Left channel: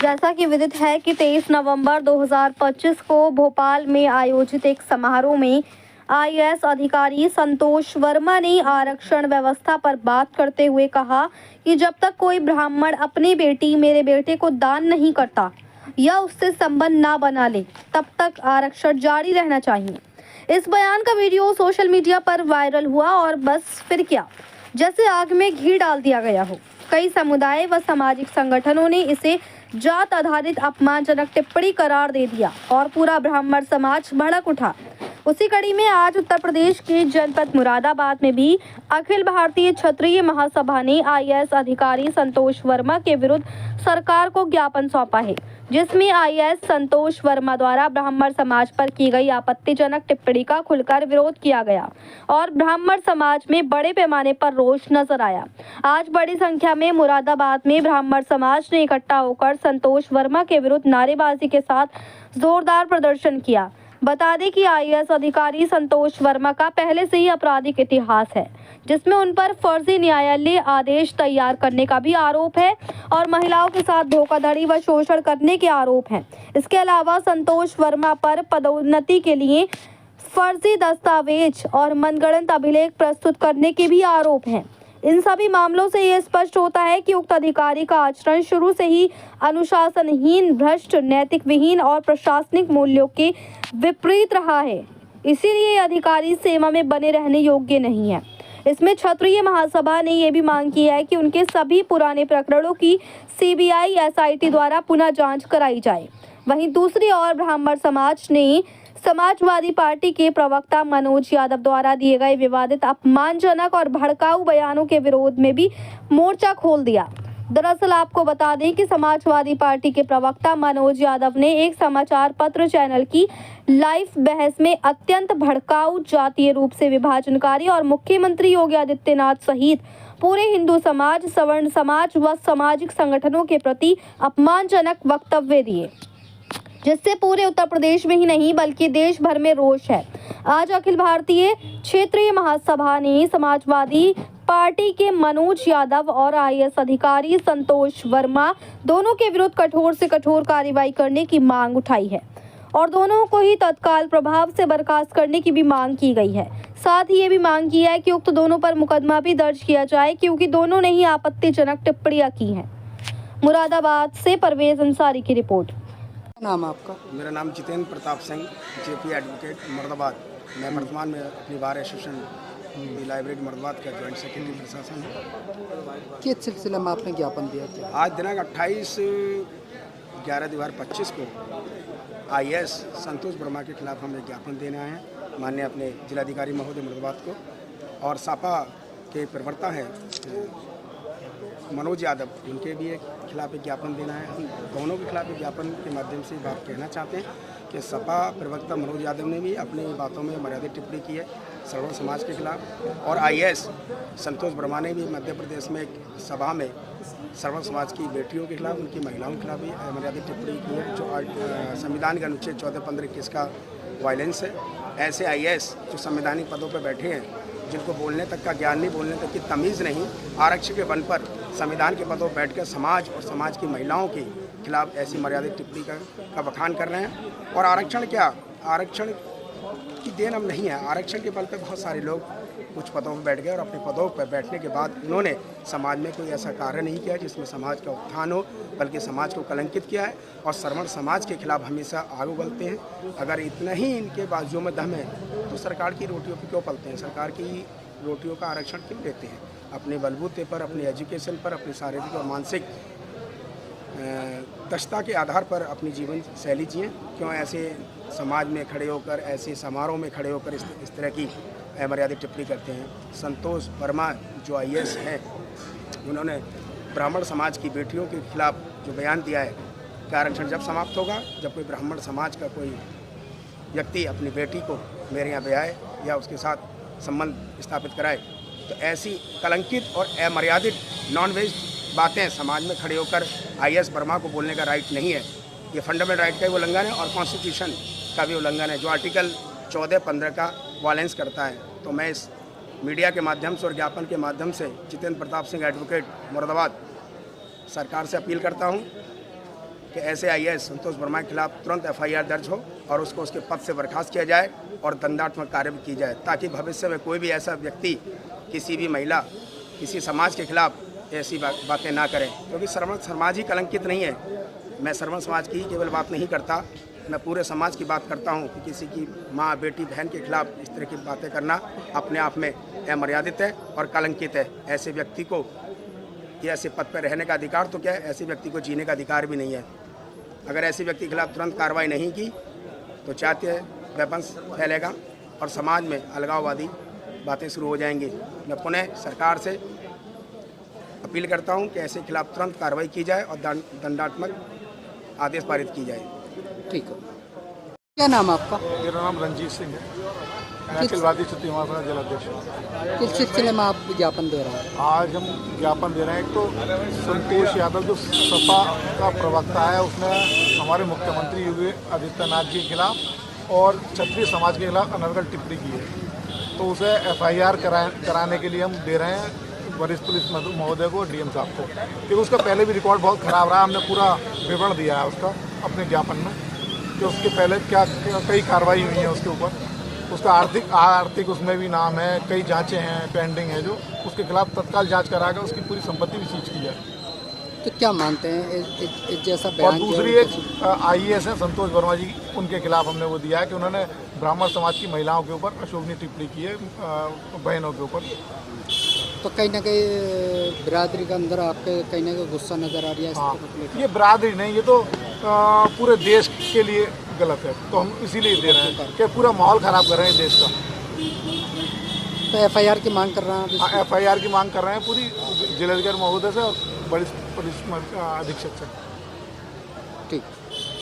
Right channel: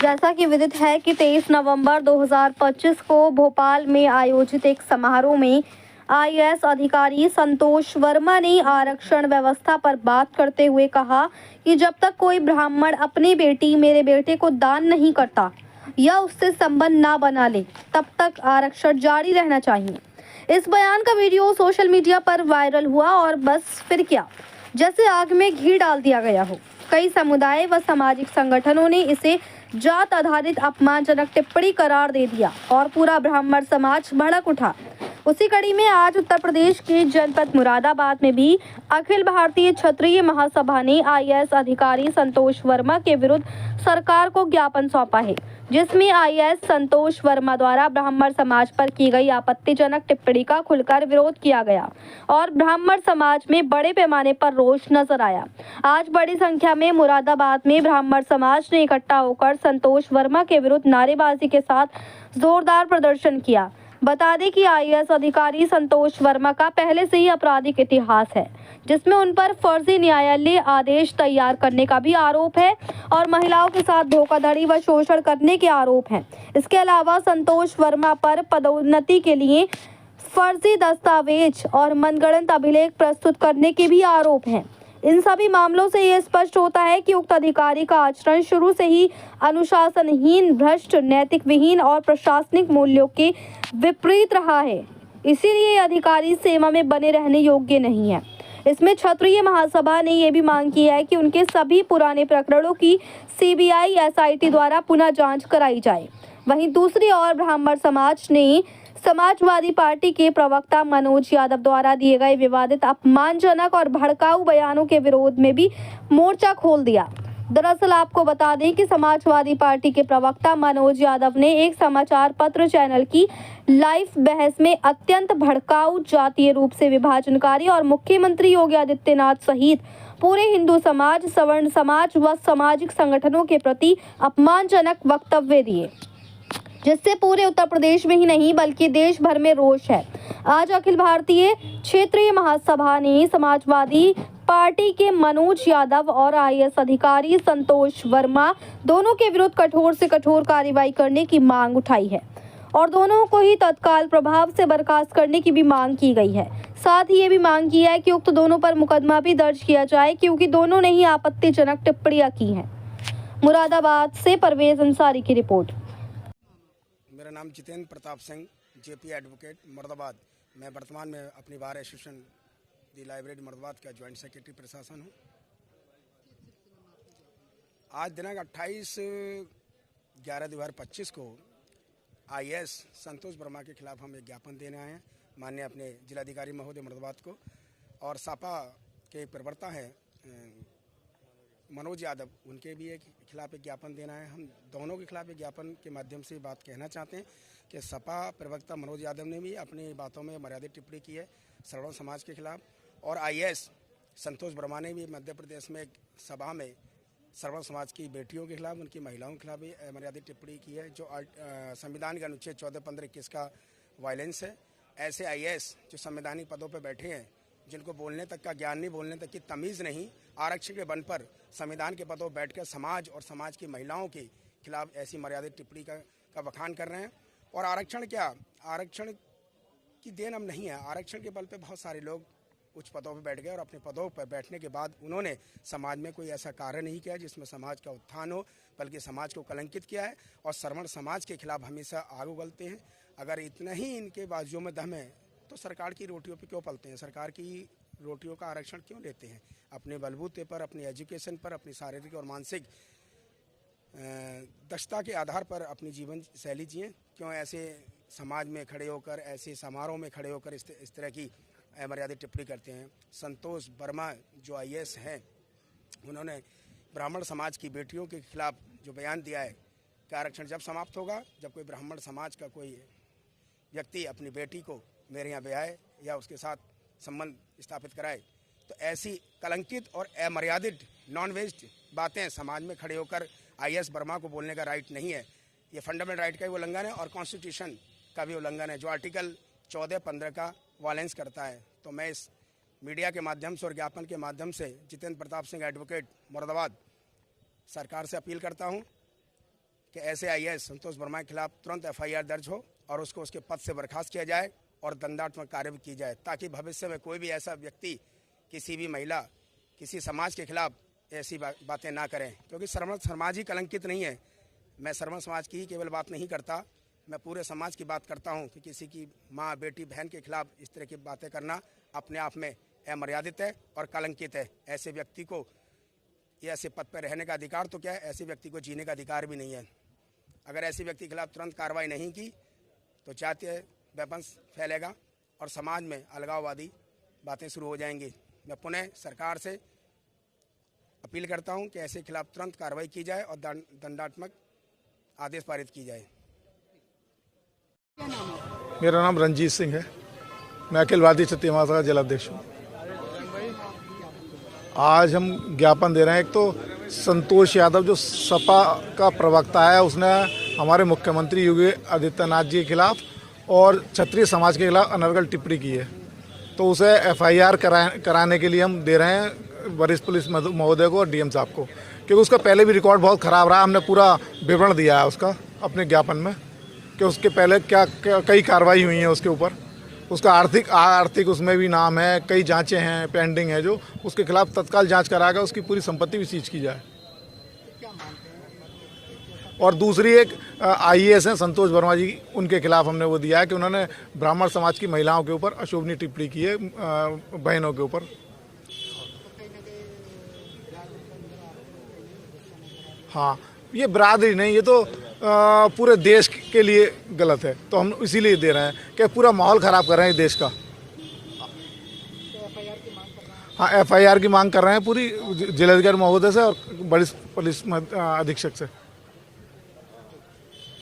जैसा कि विदित है कि 23 नवंबर 2025 को भोपाल में आयोजित एक समारोह में आईएएस अधिकारी संतोष वर्मा ने आरक्षण व्यवस्था पर बात करते हुए कहा कि जब तक कोई ब्राह्मण अपनी बेटी मेरे बेटे को दान नहीं करता या उससे संबंध ना बना ले, तब तक आरक्षण जारी रहना चाहिए। इस बयान का वीडियो सोशल मीडिया पर वायरल हुआ और बस फिर क्या, जैसे आग में घी डाल दिया गया हो। कई समुदाय व सामाजिक संगठनों ने इसे जात आधारित अपमानजनक टिप्पणी करार दे दिया और पूरा ब्राह्मण समाज भड़क उठा। उसी कड़ी में आज उत्तर प्रदेश के जनपद मुरादाबाद में भी अखिल भारतीय क्षत्रिय महासभा ने आईएएस अधिकारी संतोष वर्मा के विरुद्ध सरकार को ज्ञापन सौंपा है, जिसमें आईएएस संतोष वर्मा द्वारा ब्राह्मण समाज पर की गई आपत्तिजनक टिप्पणी का खुलकर विरोध किया गया और ब्राह्मण समाज में बड़े पैमाने पर रोष नजर आया। आज बड़ी संख्या में मुरादाबाद में ब्राह्मण समाज ने इकट्ठा होकर संतोष वर्मा के विरुद्ध नारेबाजी के साथ जोरदार प्रदर्शन किया। बता दें कि आईएएस अधिकारी संतोष वर्मा का पहले से ही आपराधिक इतिहास है, जिसमें उन पर फर्जी न्यायालय आदेश तैयार करने का भी आरोप है और महिलाओं के साथ धोखाधड़ी व शोषण करने के आरोप हैं। इसके अलावा संतोष वर्मा पर पदोन्नति के लिए फर्जी दस्तावेज और मनगढ़ंत अभिलेख प्रस्तुत करने के भी आरोप हैं। इन सभी मामलों से ये स्पष्ट होता है कि उक्त अधिकारी का आचरण शुरू से ही अनुशासनहीन, भ्रष्ट, नैतिक विहीन और प्रशासनिक मूल्यों के विपरीत रहा है। इसीलिए ये अधिकारी सेवा में बने रहने योग्य नहीं है। इसमें क्षत्रिय महासभा ने यह भी मांग की है कि उनके सभी पुराने प्रकरणों की सीबीआई एसआईटी द्वारा पुनः जांच कराई जाए। वहीं दूसरी ओर ब्राह्मण समाज ने समाजवादी पार्टी के प्रवक्ता मनोज यादव द्वारा दिए गए विवादित, अपमानजनक और भड़काऊ बयानों के विरोध में भी मोर्चा खोल दिया। दरअसल आपको बता दें कि समाजवादी पार्टी के प्रवक्ता मनोज यादव ने एक समाचार पत्र चैनल की लाइव बहस में अत्यंत भड़काऊ, जातीय रूप से विभाजनकारी और मुख्यमंत्री योगी आदित्यनाथ सहित पूरे हिंदू समाज, सवर्ण समाज व सामाजिक संगठनों के प्रति अपमानजनक वक्तव्य दिए, जिससे पूरे उत्तर प्रदेश में ही नहीं बल्कि देश भर में रोष है। आज अखिल भारतीय क्षेत्रीय महासभा ने समाजवादी पार्टी के मनोज यादव और आईएएस अधिकारी संतोष वर्मा दोनों के विरुद्ध कठोर से कठोर कार्रवाई करने की मांग उठाई है और दोनों को ही तत्काल प्रभाव से बर्खास्त करने की भी मांग की गई है। साथ ही ये भी मांग की है कि उक्त दोनों पर मुकदमा भी दर्ज किया जाए, क्योंकि दोनों ने ही आपत्तिजनक टिप्पणियां की हैं। मुरादाबाद से परवेज अंसारी की रिपोर्ट। नाम आपका? मेरा नाम जितेंद्र प्रताप सिंह, जेपी एडवोकेट, मुरादाबाद। मैं वर्तमान में अपनी बार एसोसिएशन की लाइब्रेरी मुरादाबाद का जॉइंट सेक्रेटरी प्रशासन हूँ। किस सिलसिले में आपने ज्ञापन दिया था? आज दिनांक 28/11/2025 को आईएएस संतोष वर्मा के खिलाफ हम एक ज्ञापन देने आए हैं माननीय अपने जिलाधिकारी महोदय मुरादाबाद को, और सापा के प्रवक्ता हैं मनोज यादव, उनके भी एक खिलाफ एक ज्ञापन देना है। हम दोनों के खिलाफ एक ज्ञापन के माध्यम से बात कहना चाहते हैं कि सपा प्रवक्ता मनोज यादव ने भी अपनी बातों में मर्यादित टिप्पणी की है सवर्ण समाज के खिलाफ, और आईएएस संतोष वर्मा ने भी मध्य प्रदेश में एक सभा में सवर्ण समाज की बेटियों के खिलाफ, उनकी महिलाओं के खिलाफ भी मर्यादित टिप्पणी की है, जो संविधान के अनुच्छेद 14, 15, 21 का वायलेंस है। ऐसे आईएएस जो संवैधानिक पदों पर बैठे हैं, जिनको बोलने तक का ज्ञान नहीं, बोलने तक की तमीज़ नहीं, आरक्षण के बल पर संविधान के पदों पर बैठकर समाज और समाज की महिलाओं के खिलाफ ऐसी मर्यादित टिप्पणी का बखान कर रहे हैं। और आरक्षण क्या, आरक्षण की देन हम नहीं है। आरक्षण के बल पर बहुत सारे लोग कुछ पदों पर बैठ गए और अपने पदों पर बैठने के बाद उन्होंने समाज में कोई ऐसा कार्य नहीं किया जिसमें समाज का उत्थान हो, बल्कि समाज को कलंकित किया है और सवर्ण समाज के खिलाफ हमेशा आगे बढ़ते हैं। अगर इतना ही इनके बाजुओं में दम है तो सरकार की रोटियों पर क्यों पलते हैं? सरकार की रोटियों का आरक्षण क्यों लेते हैं? अपने बलबूते पर, अपने एजुकेशन पर, अपनी शारीरिक और मानसिक दक्षता के आधार पर अपनी जीवन शैली जिए। क्यों ऐसे समाज में खड़े होकर, ऐसे समारोह में खड़े होकर इस तरह की मर्यादित टिप्पणी करते हैं? संतोष वर्मा जो आईएएस हैं, उन्होंने ब्राह्मण समाज की बेटियों के खिलाफ जो बयान दिया है कि आरक्षण जब समाप्त होगा जब कोई ब्राह्मण समाज का कोई व्यक्ति अपनी बेटी को मेरे यहाँ ब्याहे या उसके साथ संबंध स्थापित कराए, तो ऐसी कलंकित और अमर्यादित नॉन-वेज बातें समाज में खड़े होकर आईएएस वर्मा को बोलने का राइट नहीं है। ये फंडामेंटल राइट का भी उल्लंघन है और कॉन्स्टिट्यूशन का भी उल्लंघन है, जो आर्टिकल 14, 15 का वायलेंस करता है। तो मैं इस मीडिया के माध्यम से और ज्ञापन के माध्यम से जितेंद्र प्रताप सिंह एडवोकेट मुरादाबाद सरकार से अपील करता हूं कि ऐसे आईएएस संतोष वर्मा के खिलाफ तुरंत एफआईआर दर्ज हो और उसको उसके पद से बर्खास्त किया जाए और दंडात्मक कार्य भी की जाए, ताकि भविष्य में कोई भी ऐसा व्यक्ति, किसी भी महिला, किसी समाज के खिलाफ ऐसी बातें ना करें, क्योंकि श्रवण समाज ही कलंकित नहीं है। मैं श्रवण समाज की ही केवल बात नहीं करता, मैं पूरे समाज की बात करता हूँ कि किसी की माँ, बेटी, बहन के खिलाफ इस तरह की बातें करना अपने आप में अमर्यादित है और कलंकित है। ऐसे व्यक्ति को ये ऐसे पद पर रहने का अधिकार तो क्या है, ऐसे व्यक्ति को जीने का अधिकार भी नहीं है। अगर ऐसे व्यक्ति के खिलाफ तुरंत कार्रवाई नहीं की तो जातीय विवंश फैलेगा और समाज में अलगाववादी बातें शुरू हो जाएंगी। मैं पुनः सरकार से अपील करता हूं कि ऐसे खिलाफ तुरंत कार्रवाई की जाए और दंडात्मक आदेश पारित की जाए। ठीक है। क्या नाम आपका? मेरा नाम रंजीत सिंह है। मैं अखिल भारतीय क्षत्रिय महासभा का जिलाध्यक्ष हूँ। किस सिलसिले में आप ज्ञापन दे रहे हैं? आज हम ज्ञापन दे रहे हैं। एक तो संतोष यादव जो सपा का प्रवक्ता है, उसने हमारे मुख्यमंत्री योगी आदित्यनाथ जी के खिलाफ और क्षत्रिय समाज के खिलाफ अनर्गल टिप्पणी की है, तो उसे एफआईआर कराने के लिए हम दे रहे हैं वरिष्ठ पुलिस महोदय को और डीएम साहब को, क्योंकि उसका पहले भी रिकॉर्ड बहुत ख़राब रहा। हमने पूरा विवरण दिया है उसका अपने ज्ञापन में कि उसके पहले क्या कई कार्रवाई हुई है उसके ऊपर। उसका आर्थिक उसमें भी नाम है, कई जांचें हैं पेंडिंग है, जो उसके खिलाफ तत्काल जांच करा कर उसकी पूरी संपत्ति भी सीज की जाए। तो क्या मानते हैं इस जैसा और बयान? दूसरी एक आईएएस हैं संतोष वर्मा जी, उनके खिलाफ हमने वो दिया है कि उन्होंने ब्राह्मण समाज की महिलाओं के ऊपर अशोभनीय टिप्पणी की है, बहनों के ऊपर। तो कहीं ना कहीं बिरादरी के अंदर आपके कहीं ना कहीं गुस्सा नजर आ रहा है। हाँ, ये बिरादरी नहीं, ये तो पूरे देश के लिए गलत है, तो हम इसीलिए दे रहे हैं कि पूरा माहौल ख़राब कर रहे हैं देश का। तो एफआईआर की मांग कर रहे हैं? हाँ, एफआईआर की मांग कर रहे हैं पूरी जिलाधिकारी महोदय से और वरिष्ठ पुलिस अधीक्षक से। ठीक।